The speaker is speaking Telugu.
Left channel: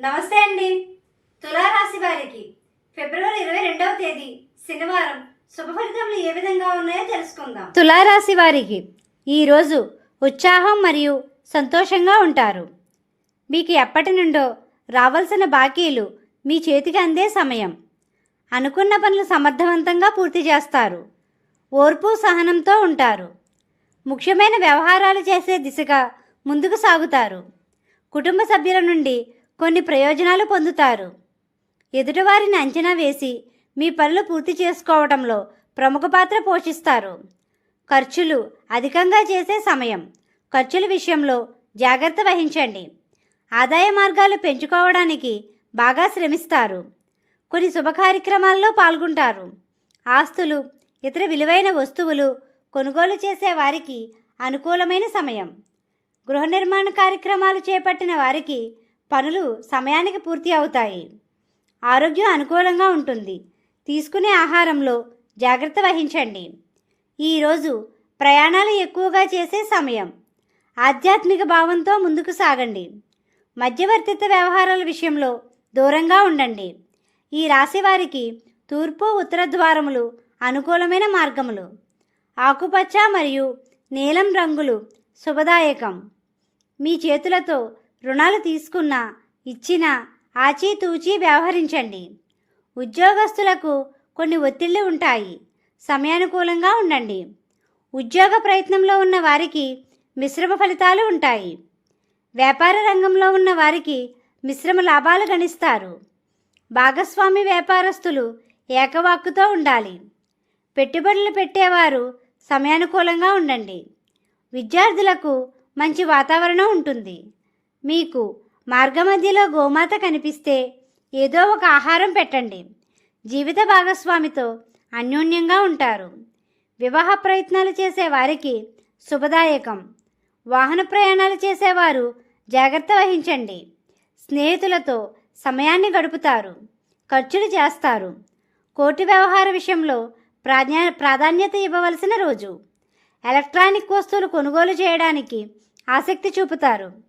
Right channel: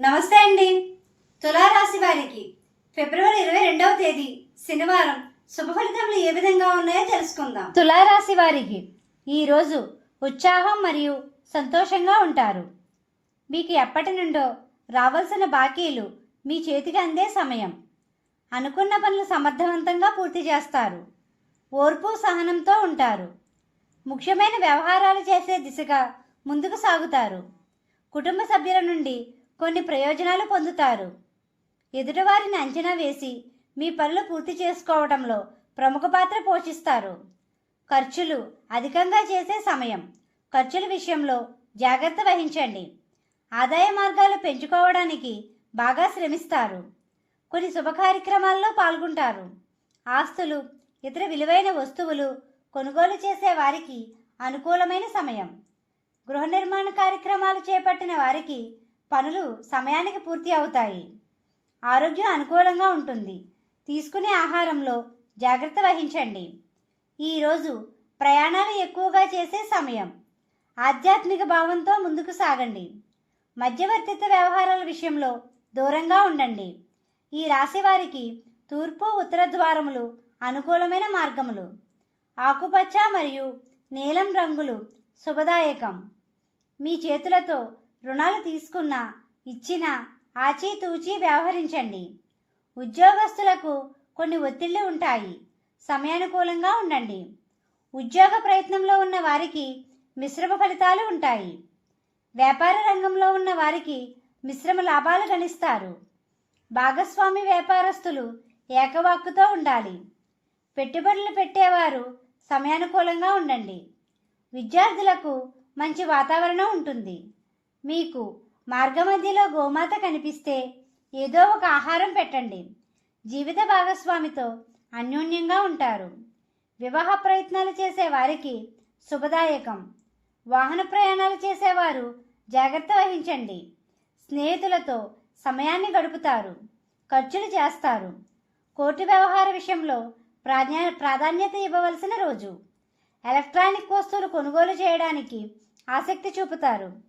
నమస్తే అండి. తులారాశి వారికి ఫిబ్రవరి ఇరవై రెండవ తేదీ శనివారం శుభ ఫలితములు ఏ విధంగా ఉన్నాయో తెలుసుకుందాం. తులారాశి వారికి ఈరోజు ఉత్సాహం మరియు సంతోషంగా ఉంటారు. మీకు ఎప్పటి నుండో రావాల్సిన బాకీలు మీ చేతికి అందే సమయం. అనుకున్న పనులు సమర్థవంతంగా పూర్తి చేస్తారు. ఓర్పు సహనంతో ఉంటారు. ముఖ్యమైన వ్యవహారాలు చేసే దిశగా ముందుకు సాగుతారు. కుటుంబ సభ్యుల నుండి కొన్ని ప్రయోజనాలు పొందుతారు. ఎదుటివారిని అంచనా వేసి మీ పనులు పూర్తి చేసుకోవడంలో ప్రముఖ పాత్ర పోషిస్తారు. ఖర్చులు అధికంగా చేసే సమయం. ఖర్చుల విషయంలో జాగ్రత్త వహించండి. ఆదాయ మార్గాలు పెంచుకోవడానికి బాగా శ్రమిస్తారు. కొన్ని శుభ కార్యక్రమాల్లో పాల్గొంటారు. ఆస్తులు ఇతర విలువైన వస్తువులు కొనుగోలు చేసే వారికి అనుకూలమైన సమయం. గృహ నిర్మాణ కార్యక్రమాలు చేపట్టిన వారికి పనులు సమయానికి పూర్తి అవుతాయి. ఆరోగ్యం అనుకూలంగా ఉంటుంది. తీసుకునే ఆహారంలో జాగ్రత్త వహించండి. ఈరోజు ప్రయాణాలు ఎక్కువగా చేసే సమయం. ఆధ్యాత్మిక భావంతో ముందుకు సాగండి. మధ్యవర్తిత్వ వ్యవహారాల విషయంలో దూరంగా ఉండండి. ఈ రాశి వారికి తూర్పు ఉత్తర ద్వారములు అనుకూలమైన మార్గములు. ఆకుపచ్చ మరియు నీలం రంగులు శుభదాయకం. మీ చేతులతో రుణాలు తీసుకున్న ఇచ్చిన ఆచితూచి వ్యవహరించండి. ఉద్యోగస్తులకు కొన్ని ఒత్తిళ్ళు ఉంటాయి. సమయానుకూలంగా ఉండండి. ఉద్యోగ ప్రయత్నంలో ఉన్న వారికి మిశ్రమ ఫలితాలు ఉంటాయి. వ్యాపార రంగంలో ఉన్న వారికి మిశ్రమ లాభాలు గణిస్తారు. భాగస్వామి వ్యాపారస్తులు ఏకవాక్కుతో ఉండాలి. పెట్టుబడులు పెట్టేవారు సమయానుకూలంగా ఉండండి. విద్యార్థులకు మంచి వాతావరణం ఉంటుంది. మీకు మార్గమధ్యలో గోమాత కనిపిస్తే ఏదో ఒక ఆహారం పెట్టండి. జీవిత భాగస్వామితో అన్యోన్యంగా ఉంటారు. వివాహ ప్రయత్నాలు చేసే వారికి శుభదాయకం. వాహన ప్రయాణాలు చేసేవారు జాగ్రత్త వహించండి. స్నేహితులతో సమయాన్ని గడుపుతారు. ఖర్చులు చేస్తారు. కోటి వ్యవహార విషయంలో ప్రాధా ప్రాధాన్యత ఇవ్వవలసిన రోజు. ఎలక్ట్రానిక్ వస్తువులు కొనుగోలు చేయడానికి ఆసక్తి చూపుతారు.